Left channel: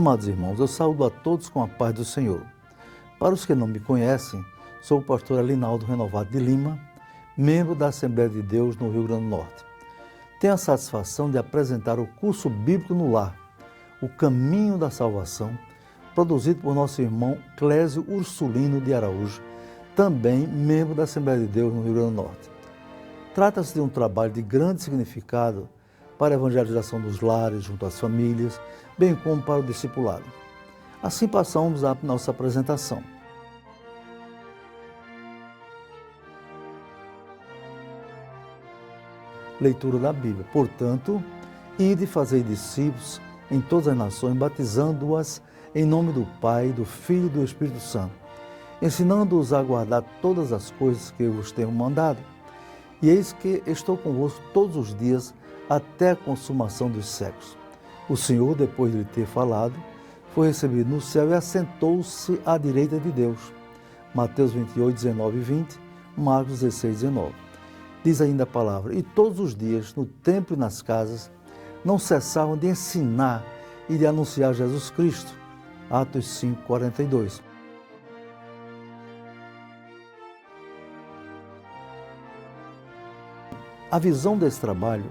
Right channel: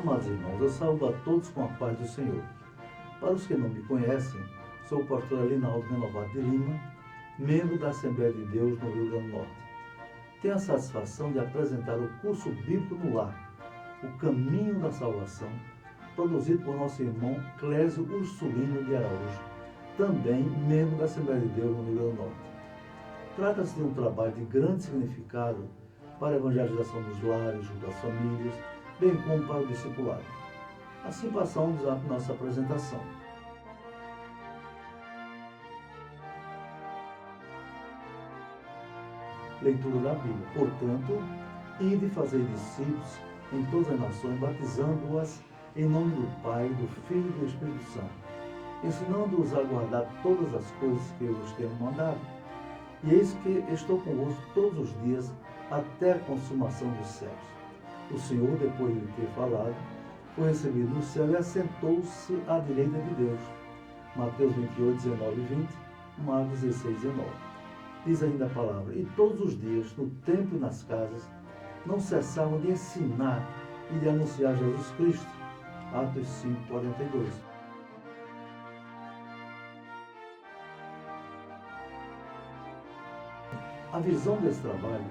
Amados irmãos, eu saúdo a todos com a paz do Senhor. Para os que não me conhecem, sou o pastor Alinaldo Renovado de Lima, membro da Assembleia de Deus no Rio Grande do Norte. Tenho a satisfação de apresentar o curso bíblico no lar, O Caminho da Salvação, produzido por nosso irmão Clésio Ursulino de Araújo, também membro da Assembleia de Deus no Rio Grande do Norte. Trata-se de um trabalho de grande significado para a evangelização dos lares junto às famílias, bem como para o discipulado. Assim passamos à nossa apresentação. Leitura da Bíblia. Portanto, ide fazer discípulos em todas as nações, batizando-as em nome do Pai, do Filho e do Espírito Santo, ensinando-os a guardar todas as coisas que eu vos tenho mandado. E eis que estou convosco todos os dias até a consumação dos séculos. O Senhor, depois de lhe ter falado, foi recebido no céu e assentou-se à direita de Deus. Mateus 28, 19 e 20, Marcos 16, 19. Diz ainda a palavra: e todos os dias, no templo e nas casas, não cessavam de ensinar e de anunciar Jesus Cristo. Atos 5, 42. A visão desse trabalho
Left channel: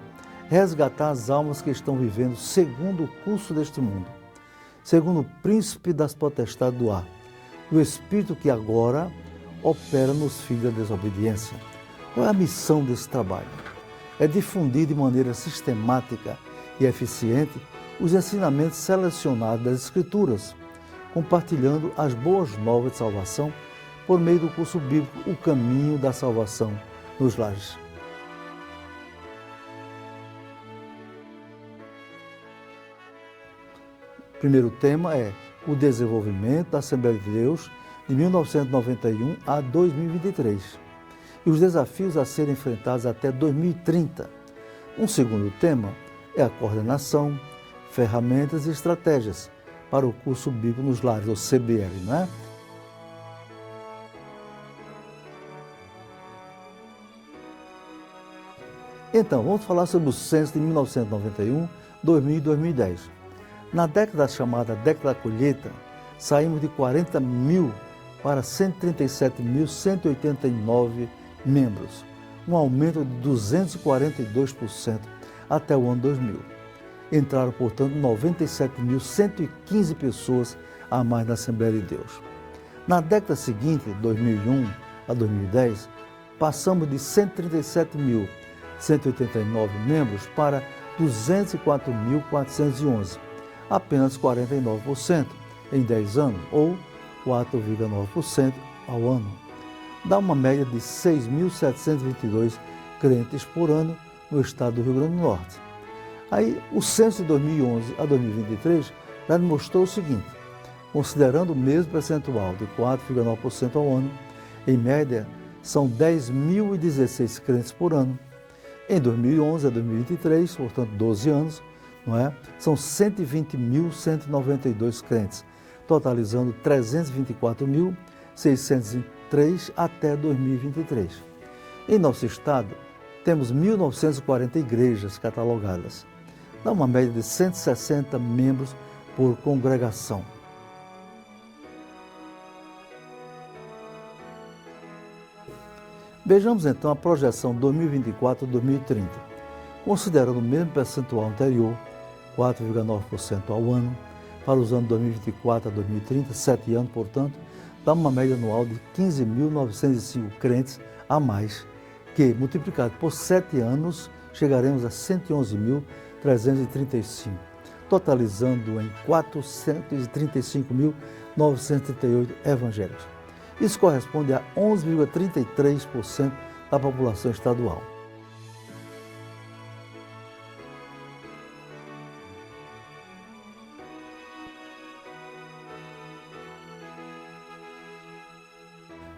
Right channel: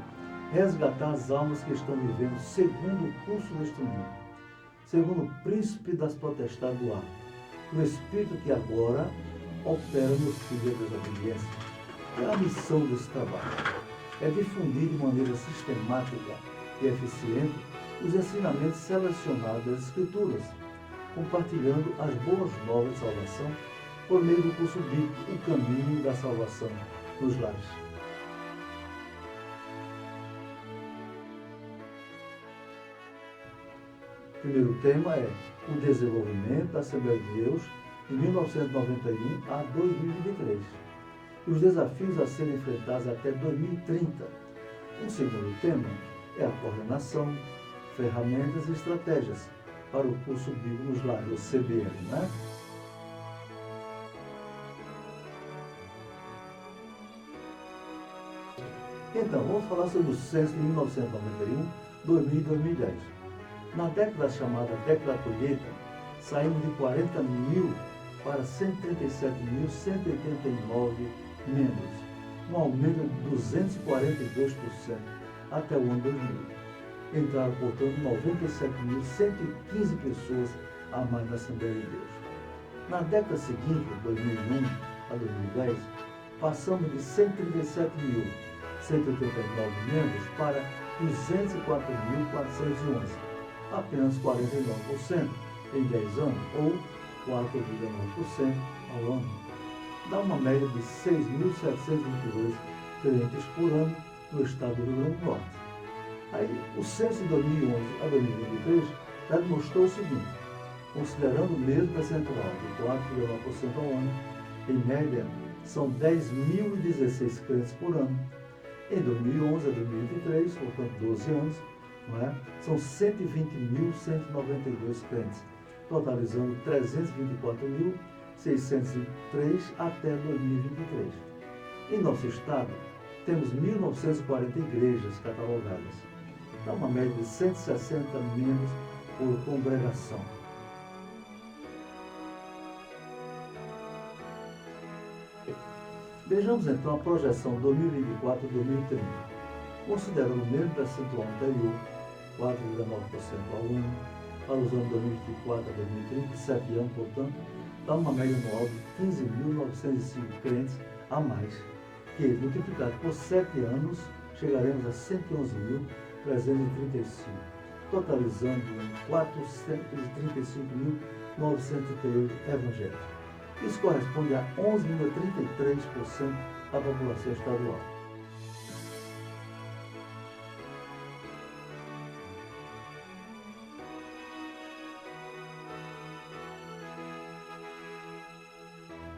é resgatar as almas que estão vivendo segundo o curso deste mundo, segundo o príncipe das potestades do ar, o espírito que agora opera nos filhos da desobediência. Qual é a missão desse trabalho? É difundir de maneira sistemática e eficiente os ensinamentos selecionados das Escrituras, compartilhando as boas novas de salvação por meio do curso bíblico O Caminho da Salvação nos lares. O primeiro tema é o desenvolvimento da Assembleia de Deus de 1991 a 2023 e os desafios a serem enfrentados até 2030. Um segundo tema é a coordenação, ferramentas e estratégias para o curso bíblico nos lares, o CBL, né? Então, vamos falar sobre o censo de 1991, 2000 e 2010. Na década chamada década da colheita, saímos de 40 mil para 137.189 membros, um aumento de 242% até o ano 2000. Entraram, portanto, 97.115 pessoas a mais na Assembleia de Deus. Na década seguinte, 2001 a 2010, passamos de 137.189 membros para 204.411, apenas 49% em 10 anos, ou 4,9% ao ano. Dá uma média de 6.722 crentes por ano no estado do Rio Grande do Norte. Aí, o censo de 2011 a 2023 já mostrou o seguinte: considerando o mesmo percentual de 4,9% ao ano, em média, são 10.016 crentes por ano. Em 2011 a 2023, portanto 12 anos, não é? São 120.192 crentes, totalizando 324.603 até 2023. Em nosso estado, temos 1.940 igrejas catalogadas, dá uma média de 160 membros por congregação. Vejamos então a projeção 2024-2030. Considerando o mesmo percentual anterior, 4,9% ao ano, para os anos 2024 a 2030, 7 anos, portanto, dá uma média anual de 15.905 crentes a mais, que, multiplicado por 7 anos, chegaremos a 111.335, totalizando em 435.938 evangélicos. Isso corresponde a 11,33% da população estadual.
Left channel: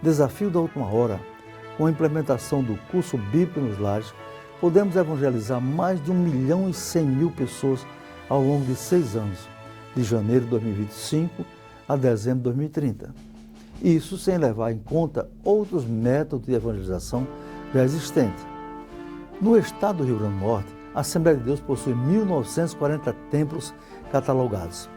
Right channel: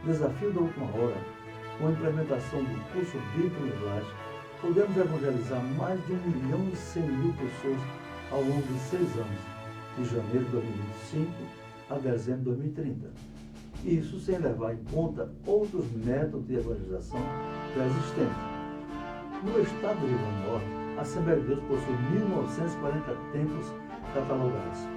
Desafio da última hora: com a implementação do curso bíblico nos lares, podemos evangelizar mais de 1.100.000 pessoas ao longo de 6 anos, de janeiro de 2025 a dezembro de 2030. Isso sem levar em conta outros métodos de evangelização já existentes. No estado do Rio Grande do Norte, a Assembleia de Deus possui 1.940 templos catalogados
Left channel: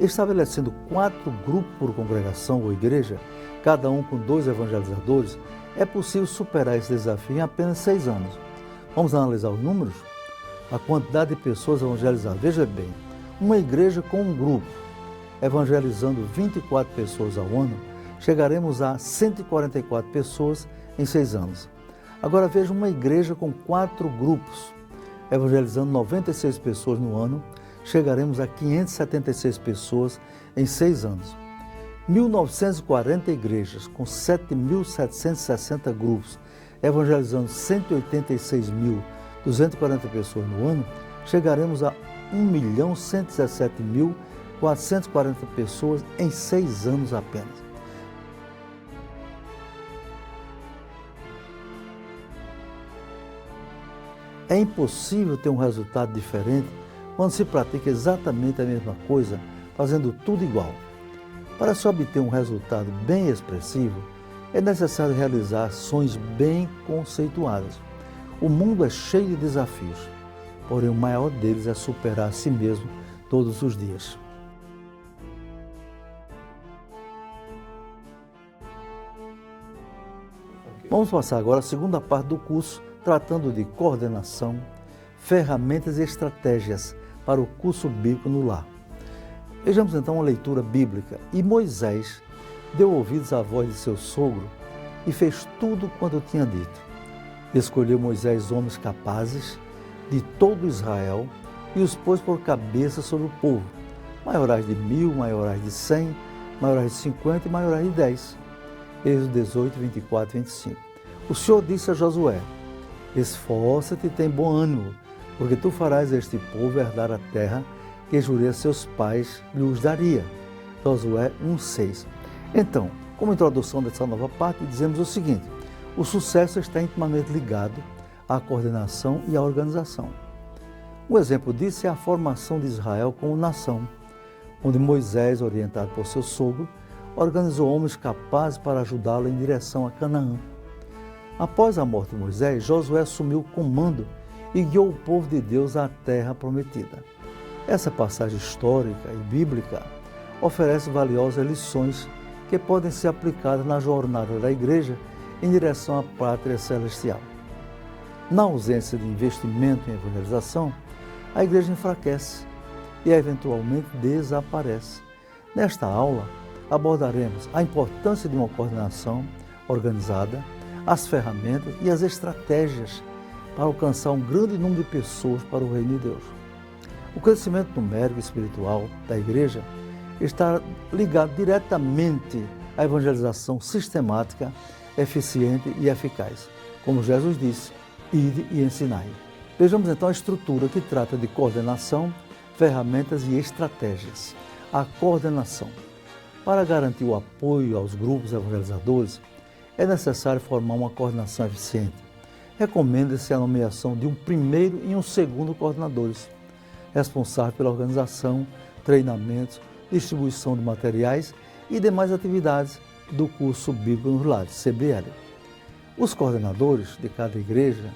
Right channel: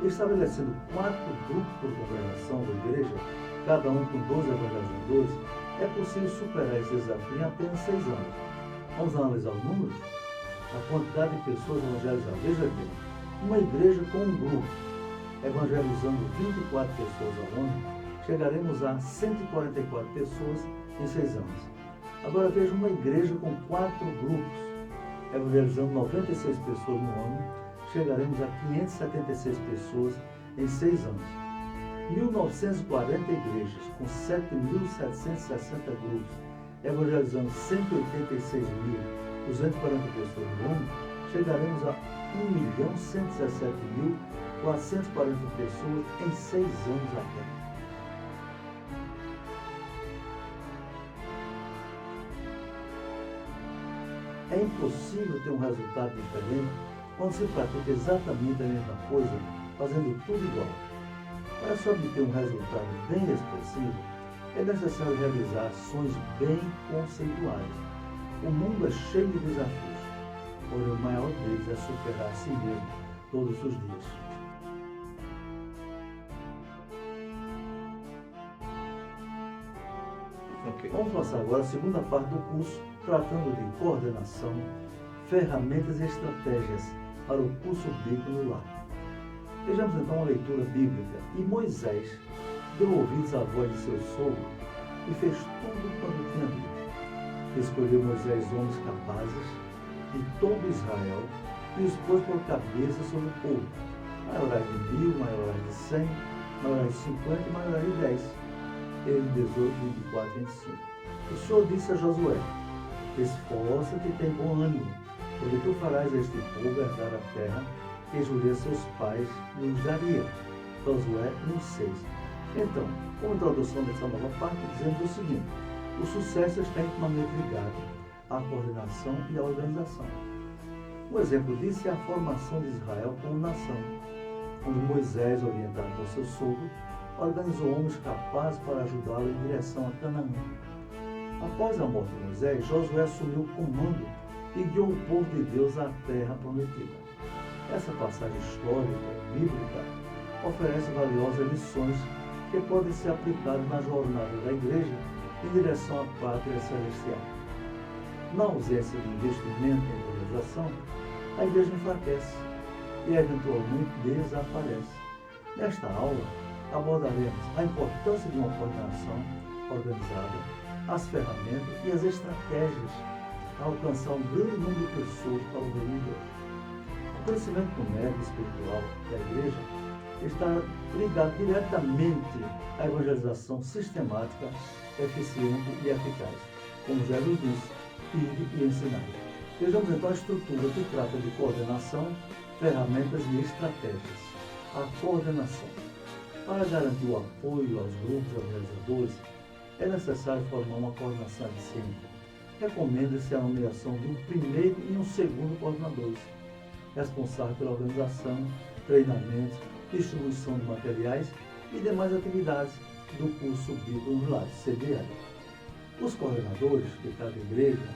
Estabelecendo 4 grupos por congregação ou igreja, cada um com 2 evangelizadores, é possível superar esse desafio em apenas 6 anos. Vamos analisar os números? A quantidade de pessoas evangelizadas. Veja bem, uma igreja com um grupo, evangelizando 24 pessoas ao ano, chegaremos a 144 pessoas em 6 anos. Agora veja uma igreja com 4 grupos, evangelizando 96 pessoas no ano, chegaremos a 576 pessoas em 6 anos. 1.940 igrejas com 7.760 grupos, evangelizando 186.240 pessoas no ano, chegaremos a 1.117.440 pessoas em 6 anos apenas. É impossível ter um resultado diferente quando se pratica exatamente a mesma coisa, fazendo tudo igual. Para se obter um resultado bem expressivo, é necessário realizar ações bem conceituadas. O mundo é cheio de desafios, porém o maior deles é superar a si mesmo todos os dias. Vamos passar agora a segunda parte do curso, tratando de coordenação, ferramentas e estratégias para o curso bíblico no lar. Vejamos então uma leitura bíblica. E Moisés deu ouvidos à voz de seu sogro e fez tudo quanto tinha dito. Escolheu Moisés homens capazes de todo Israel e os pôs por cabeça sobre o povo, maiorais de 1000, maiorais de 100, maiorais de 50 e maiorais de 10. Êxodo 18, 24 e 25. O Senhor disse a Josué: esforça-te e tem bom ânimo, porque tu farás este povo herdar a terra que jurei a seus pais lhes daria. Josué 1,6. Então, como introdução dessa nova parte, dizemos o seguinte: o sucesso está intimamente ligado à coordenação e à organização. Um exemplo disso é a formação de Israel como nação, onde Moisés, orientado por seu sogro, organizou homens capazes para ajudá-lo em direção a Canaã. Após a morte de Moisés, Josué assumiu o comando e guiou o povo de Deus à terra prometida. Essa passagem histórica e bíblica oferece valiosas lições que podem ser aplicadas na jornada da igreja em direção à pátria celestial. Na ausência de investimento em evangelização, a igreja enfraquece e eventualmente desaparece. Nesta aula, abordaremos a importância de uma coordenação organizada, as ferramentas e as estratégias para alcançar um grande número de pessoas para o reino de Deus. O crescimento numérico e espiritual da igreja está ligado diretamente à evangelização sistemática, eficiente e eficaz. Como Jesus disse, ide e ensinai. Vejamos então a estrutura que trata de coordenação, ferramentas e estratégias. A coordenação. Para garantir o apoio aos grupos evangelizadores, é necessário formar uma coordenação eficiente. Recomenda-se a nomeação de um primeiro e um segundo coordenadores, responsável pela organização, treinamento, distribuição de materiais e demais atividades do curso Bíblico nos Lares, CBL. Os coordenadores de cada igreja,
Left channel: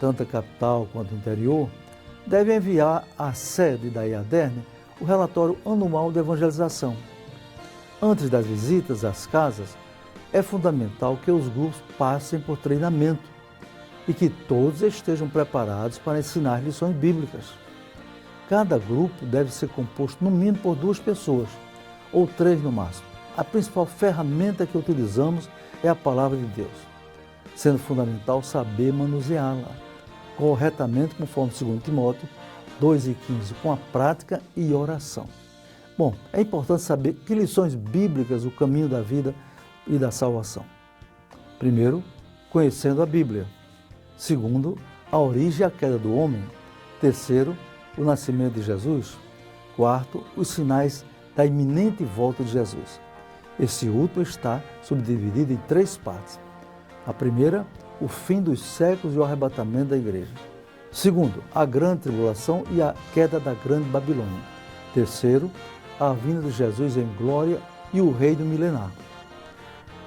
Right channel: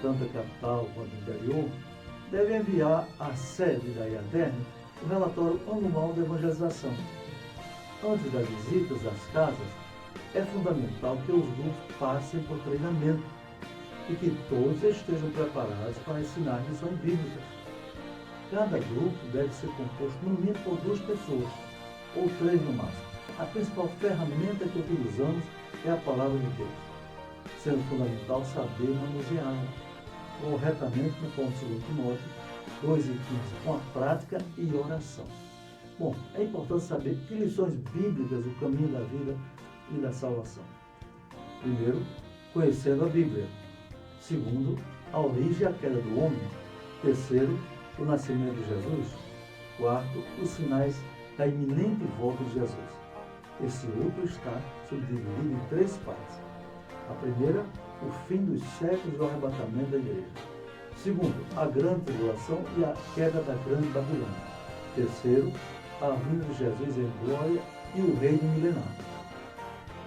tanto a capital quanto o interior, devem enviar à sede da IADERN o relatório anual de evangelização. Antes das visitas às casas, é fundamental que os grupos passem por treinamento e que todos estejam preparados para ensinar lições bíblicas. Cada grupo deve ser composto no mínimo por 2 pessoas, ou 3 no máximo. A principal ferramenta que utilizamos é a palavra de Deus, sendo fundamental saber manuseá-la corretamente, conforme 2 Timóteo 2,15, com a prática e oração. Bom, é importante saber que lições bíblicas o caminho da vida e da salvação. Primeiro, conhecendo a Bíblia. Segundo, a origem e a queda do homem. Terceiro, o nascimento de Jesus. Quarto, os sinais da iminente volta de Jesus. Esse último está subdividido em 3 partes. A primeira, o fim dos séculos e o arrebatamento da igreja. Segundo, a grande tribulação e a queda da grande Babilônia. Terceiro, a vinda de Jesus em glória e o reino milenar.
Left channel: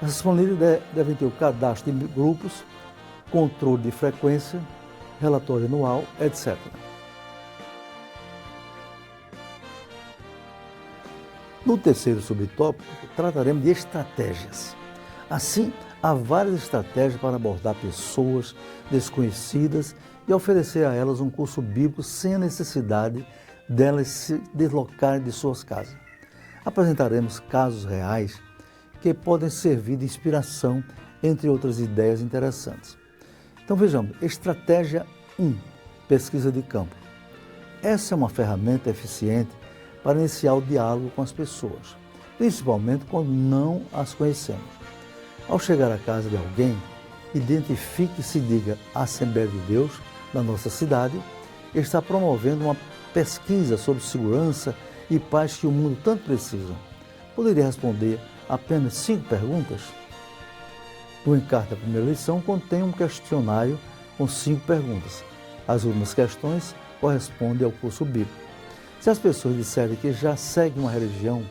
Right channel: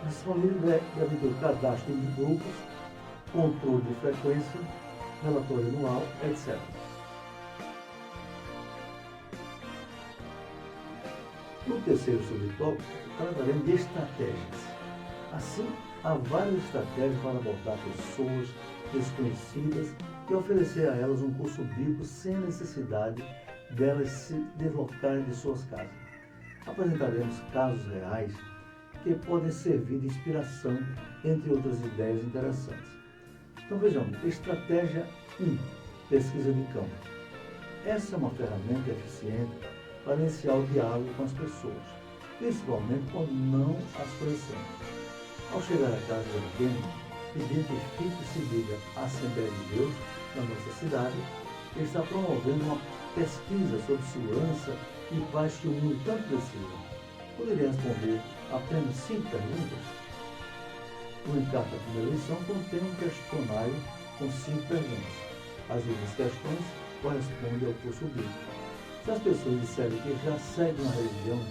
Essas planilhas devem ter o cadastro de grupos, controle de frequência, relatório anual, etc. No terceiro subtópico, trataremos de estratégias. Assim, há várias estratégias para abordar pessoas desconhecidas e oferecer a elas um curso bíblico sem a necessidade delas se deslocarem de suas casas. Apresentaremos casos reais que podem servir de inspiração, entre outras ideias interessantes. Então vejamos, estratégia 1, pesquisa de campo. Essa é uma ferramenta eficiente para iniciar o diálogo com as pessoas, principalmente quando não as conhecemos. Ao chegar à casa de alguém, identifique e se diga a Assembleia de Deus da nossa cidade está promovendo uma pesquisa sobre segurança e paz que o mundo tanto precisa. Poderia responder apenas 5 perguntas? O encarte da primeira lição contém um questionário com 5 perguntas. As últimas questões correspondem ao curso bíblico. Se as pessoas disserem que já seguem uma religião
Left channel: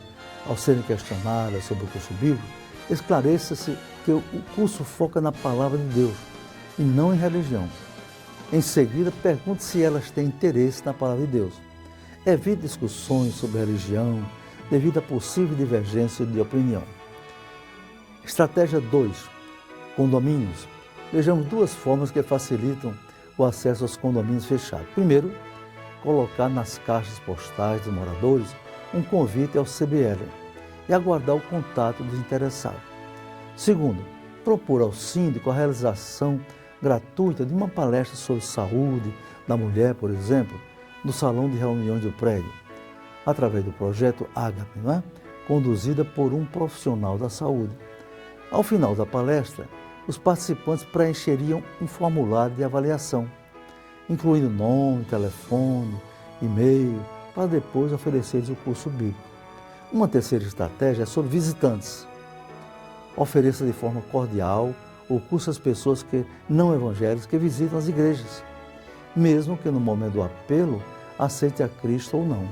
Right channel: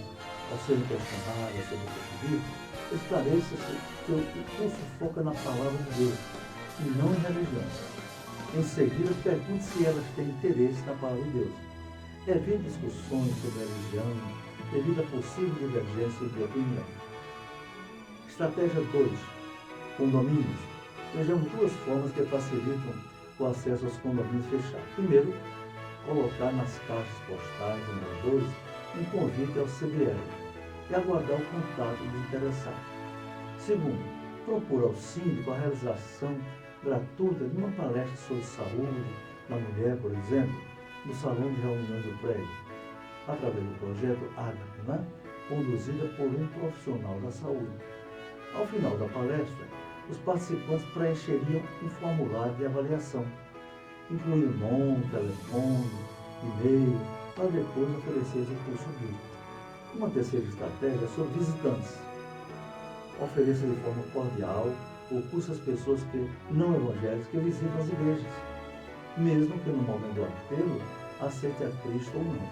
ao serem questionadas sobre o curso bíblico, esclareça-se que o curso foca na palavra de Deus e não em religião. Em seguida, pergunte se elas têm interesse na palavra de Deus. Evite discussões sobre religião devido a possível divergência de opinião. Estratégia 2. Condomínios. Vejamos 2 formas que facilitam o acesso aos condomínios fechados. Primeiro, colocar nas caixas postais dos moradores um convite ao CBL e aguardar o contato dos interessados. Segundo, propor ao síndico a realização gratuita de uma palestra sobre saúde da mulher, por exemplo, no salão de reuniões do prédio, através do projeto Ágape, conduzida por um profissional da saúde. Ao final da palestra, os participantes preencheriam um formulário de avaliação, incluindo nome, telefone, e-mail, para depois oferecer o curso bíblico. Uma terceira estratégia é sobre visitantes. Ofereça de forma cordial o curso às pessoas não evangélicas que visitam as igrejas, mesmo que no momento do apelo aceite a Cristo ou não.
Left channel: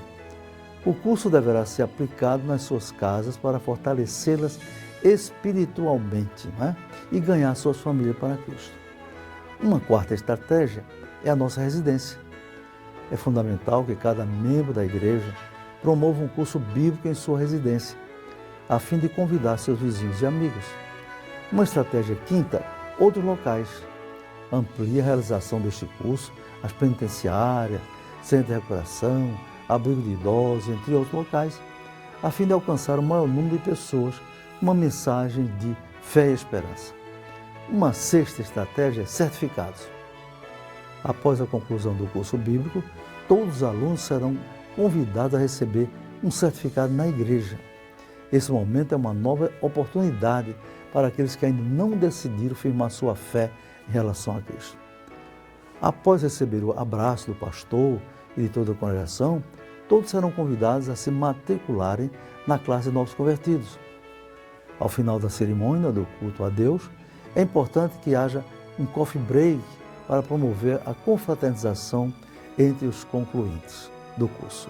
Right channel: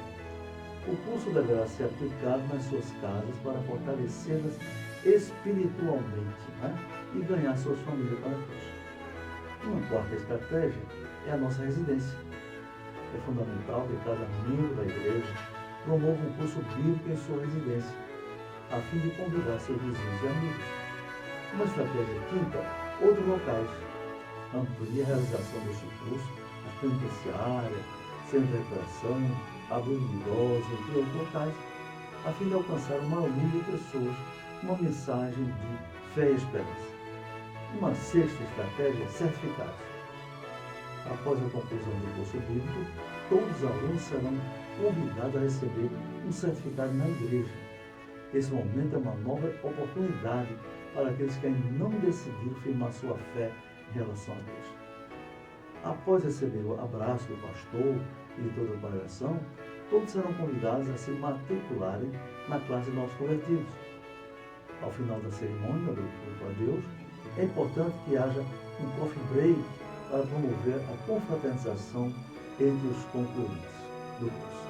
O curso deverá ser aplicado nas suas casas para fortalecê-las espiritualmente, e ganhar suas famílias para Cristo. Uma quarta estratégia é a nossa residência. É fundamental que cada membro da igreja promova um curso bíblico em sua residência, a fim de convidar seus vizinhos e amigos. Uma estratégia quinta, outros locais. Amplie a realização deste curso às penitenciárias, centro de recuperação, abrigo de idosos, entre outros locais, a fim de alcançar o maior número de pessoas uma mensagem de fé e esperança. Uma sexta estratégia é certificados. Após a conclusão do curso bíblico, todos os alunos serão convidados a receber um certificado na igreja. Esse momento é uma nova oportunidade para aqueles que ainda não decidiram firmar sua fé em relação a Cristo. Após receber o abraço do pastor e de toda a congregação, todos serão convidados a se matricularem na classe de novos convertidos. Ao final da cerimônia do culto a Deus, é importante que haja um coffee break para promover a confraternização entre os concluintes do curso.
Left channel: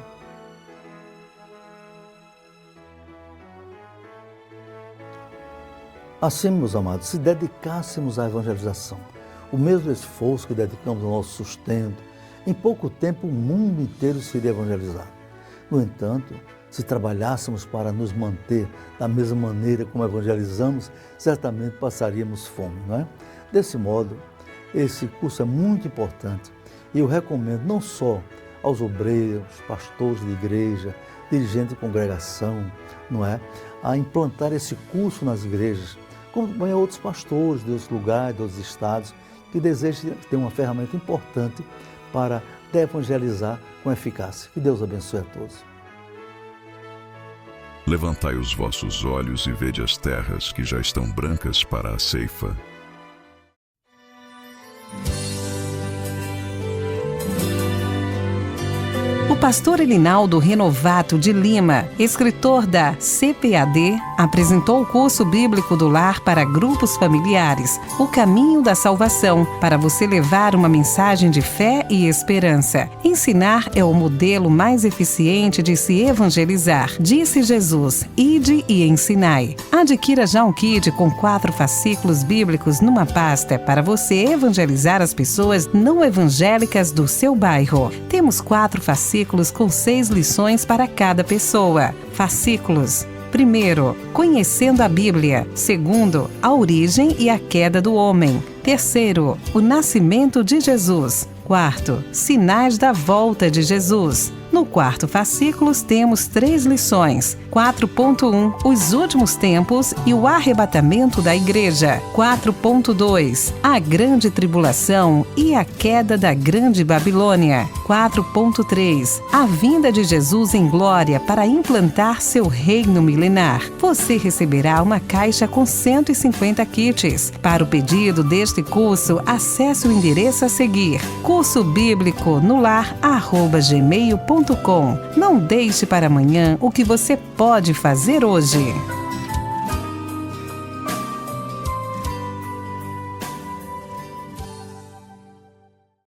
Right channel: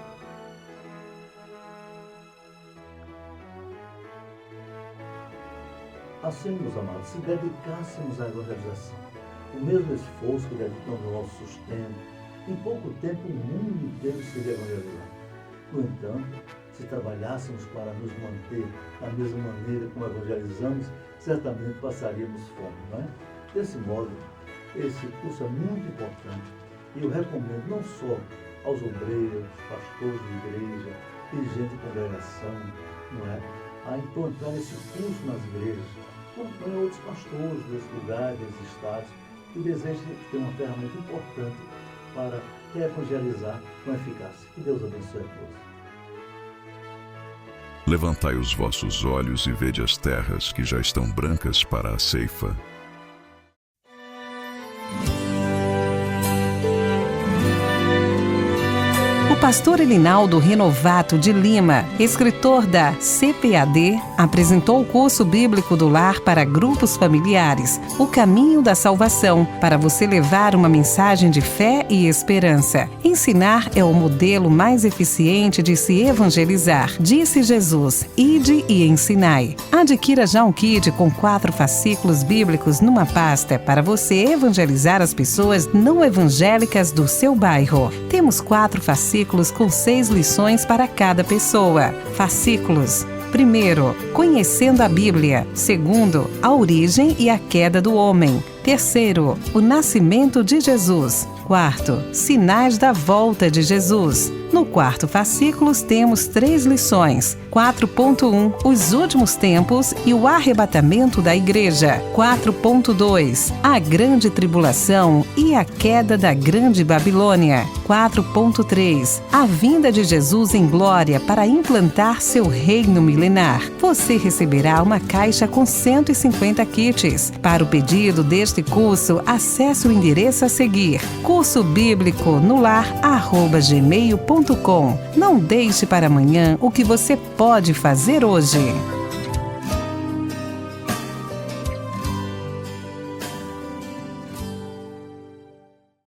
Assim, meus amados, se dedicássemos à evangelização, o mesmo esforço que dedicamos ao nosso sustento, em pouco tempo o mundo inteiro seria evangelizado. No entanto, se trabalhássemos para nos manter da mesma maneira como evangelizamos, certamente passaríamos fome, não é? Desse modo, esse curso é muito importante e eu recomendo não só aos obreiros, pastores de igreja, dirigentes de congregação, não é? A implantar esse curso nas igrejas, como também a outros pastores de outros lugares, de outros estados, que desejam ter uma ferramenta importante para evangelizar com eficácia. Que Deus abençoe a todos. Levantai os vossos olhos e vede as terras que já estão brancas para a ceifa. O pastor Elinaldo Renovato de Lima, escritor da CPAD, apresentou o curso bíblico do lar para grupos familiares, O Caminho da Salvação, para você levar uma mensagem de fé e esperança. Ensinar é o modelo mais eficiente de se evangelizar. Disse Jesus, ide e ensinai. Adquira já um kit com 4 fascículos bíblicos numa pasta para você evangelizar as pessoas não evangélicas do seu bairro. Temos 4 fascículos fascículos com 6 lições para cada pessoa. Fascículos. Primeiro, conhecendo a Bíblia. Segundo, a origem e a queda do homem. Terceiro, o nascimento de Jesus. Quarto, sinais da volta de Jesus. No quarto fascículo temos 3 lições. 4.1, os últimos tempos e o arrebatamento da igreja. 4.2, a grande tribulação e a queda da grande Babilônia. 4.3, a vinda de Jesus em glória para implantar seu reino milenar. Você receberá uma caixa com 150 kits. Para o pedido deste curso, acesse o endereço a seguir: cursobíbliconolar@gmail.com. Não deixe para amanhã o que você pode fazer hoje.